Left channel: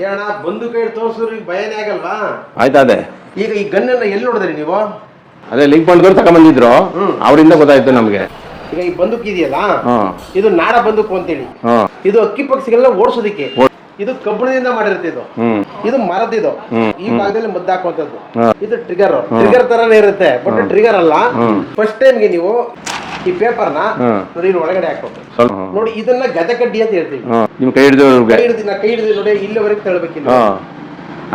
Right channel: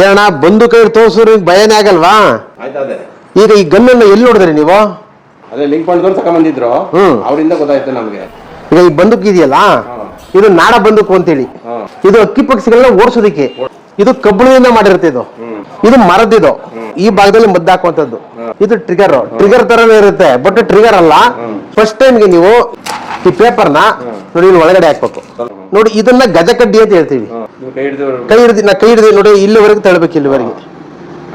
ಏನಣ್ಣ ಬಂದು ಕೈ ತೋರ್ಸಿದ್ರೆ ಭಯನೇ ಆಗಲ್ವಾ? ಆಯ್ತಾ ಅದೇ. ಈಗ ಈ ಗನ್ನನ್ನು ಎಲ್ಲಿ ನೋಡಿದ್ರಿ ನೀವು? ಅದೇ ಲಿಂಕ್ ಪಾಯಿಂಟ್ ತಗೊಂಡ್ಬಂದಿದ್ರು, ಅವರಿಂದ ಗೊತ್ತಾಯ್ತು ನಮ್ಗೆ. ಈಗ ಈ ಬಂದೂಕ್ ಇದೆಯಲ್ಲ, ಇದು ನಾಡ ಬಂದೂಕು ಅಂತೇಳಿ. ಇದು ಅಕ್ಕಿ ಪಕ್ಷಿಗಳನ್ನ ಓಡಿಸೋದಿಕ್ಕೆ. ಇದು ಕಬ್ಬಿಣದಿಂದ ಮಾಡಿರುತ್ತೆ. ಇದು ಮರದಿದು. ಈ ಭಾಗದಲ್ಲಿ ಮದ್ದು ಹಾಕುವಂತದ್ದು. ಇದು ಟ್ರಿಗರ್ ತರನೇ ಇರುತ್ತೆ, ಬಟ್ ಟ್ರಿಗರ್ ಅಲ್ಲ. ಫಸ್ಟ್ ಟೈಮ್ಗೆ ನೀವು ಈ ಪೇಪರ್ನ ನೋಡಿ ಇಲ್ಲಿ ಒಳಗಡೆ ಹಾಕ್ಬೇಕು. ನೋಡಿ ಇದನ್ನ ಗಜಕಡ್ಡಿ ಅಂತ ಹೇಳ್ತೀವಿ. ಕೈ ಹಿಡಿದು ನೋಡಿ ಇಲ್ಲಿವರೆಗೂ ತಳ್ಬೇಕು. ಇಲ್ಲಿ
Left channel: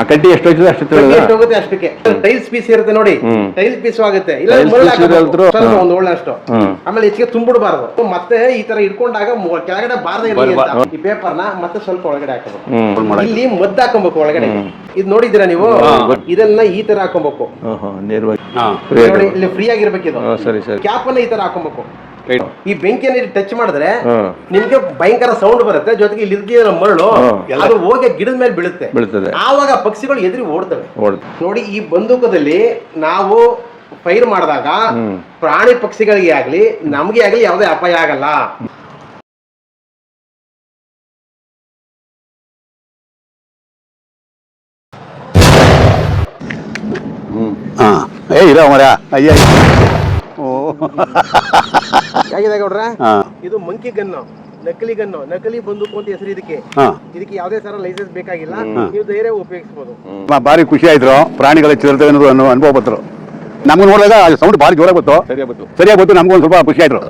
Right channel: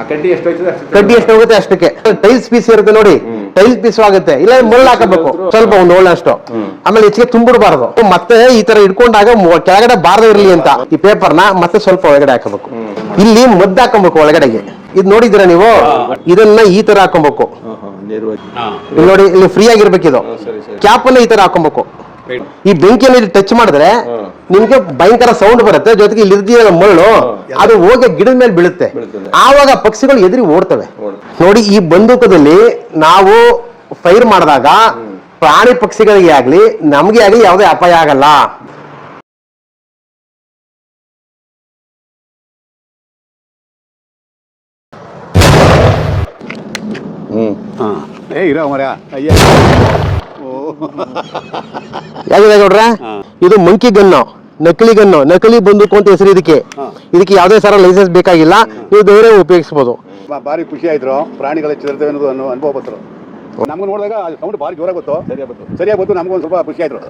ಕಡ್ಡಿ ಎಷ್ಟು ಕಡ್ಡಿ ಎಷ್ಟು ಹೋಗುತ್ತೆ ಅಷ್ಟಕ್ಕೆ. ಟೈಲ್ಸ್ ಪೀಸ್ ಇರುತ್ತೆ ನೋಡಿ, ಟೈಲ್ಸ್ ಪೀಸ್ ಆಗುತ್ತೆ. ಇಲ್ಲ ಮುಳ್ಳು ಹಾಕಬೇಕು ಸ್ವಲ್ಪ, ಒಂದು ಒಳ್ಳೆ ಅಷ್ಟು. ಆಮೇಲೆ ಹೆಚ್ಚಿಗೆ ತುಂಬಿಡಬಾರ್ದು. ಮತ್ತೆ ಈ ತರ ಇಟ್ಕೊಂಡಾಗ ಕೆಳಗಡೆ ಬಾರದೇ ಇರಲಿ ಅಂತ ಈ ಪೇಪರ್ನ ಮತ್ತೆ ಸ್ವಲ್ಪ ಒಳಗಡೆ ಹಾಕಬೇಕು. ಇಲ್ಲಿ ಮದ್ದು ಹಾಕೊಬೇಕು ಒಳಗಡೆಗೆ. ಇದು ನೋಡಿದ್ದೀರಾ ನೀವು? ಇದನ್ನ ಈ ತರ ಹಾಕೊಬೇಕು ನೋಡಿ, ಇಲ್ಲಿ ಫ್ರೀ ಆಗಿರ್ಬೇಕು. ಇದು ಕ್ಯಾಪ್ ಅನ್ನ ಈ ತರ ಹಾಕೊಬೇಕು. ಈ ಬೆಂಕಿಯಲ್ಲಿ ಟಚ್ ಮಾಡಿದ್ರೆ ನಿಮ್ಗೆ ಭಯಂಕರ ಸೌಂಡ್ ಬರುತ್ತೆ, ಜೊತೆಗೆ ಇಲ್ಲಿ ಇರ್ದಿಯಲ್ಲ ಮರಳು, ಅದು ಹೋಗಿ ಗಿಡದ ಮೇಲೆ ಬೀಳುತ್ತೆ. ಆವಾಗ ಪಕ್ಷಿಗಳು ಎದುರಿ ಓಡ್ತವೆ. ನೋಡಿ ಈ ಬಂದೂಕದಲ್ಲಿ ನಾವು ಫೈರ್ ಮಾಡಿದಾಗ ಪ್ರಾಣಿ ಪಕ್ಷಿಗಳಿಗೆ ಆಗ್ಲಿ ನಮ್ಗೆ ಆಗ್ಲಿ ಯಾವುದೇ ಅಪಾಯ ಆಗಲ್ಲ. ಯಾಕೆ ನೋಡ್ರೆ, ಇದು ಮಂಕಿ ಗನ್ನು, ನಕಲಿ ಗನ್ನು, ನಕಲಿ ಬಂದೂಕು ಅಂತ ಹೆಸರು ಇದಕ್ಕೆ. ಇದಕ್ಕೆ ಯಾವುದೇ ಸರ ಲೈಸೆನ್ಸ್ ಬೇಕಾಗಿಲ್ಲ, ನೀವು ಬೇರೆ ಉಪಯೋಗಿಸಬಹುದು. ಭಾರಿ ಖುಷಿ ಆಯ್ತು, ಪ್ರಾಣಿಗಳ ಚಿರತೆ ಅನುಭವ ಬಂದ್ರು. ನಮ್ಗೆ ನೋಡಿದಾಗ ಸೌಂಡ್ ಭಾರಿ ಜೋರಾಗಿ ಗೊತ್ತು, ಸರಿಯಾಗಿ ಗೊತ್ತು. ನಮ್ಗೊಂದು ಸ್ವಲ್ಪ ಖುಷಿ ಆಯ್ತು.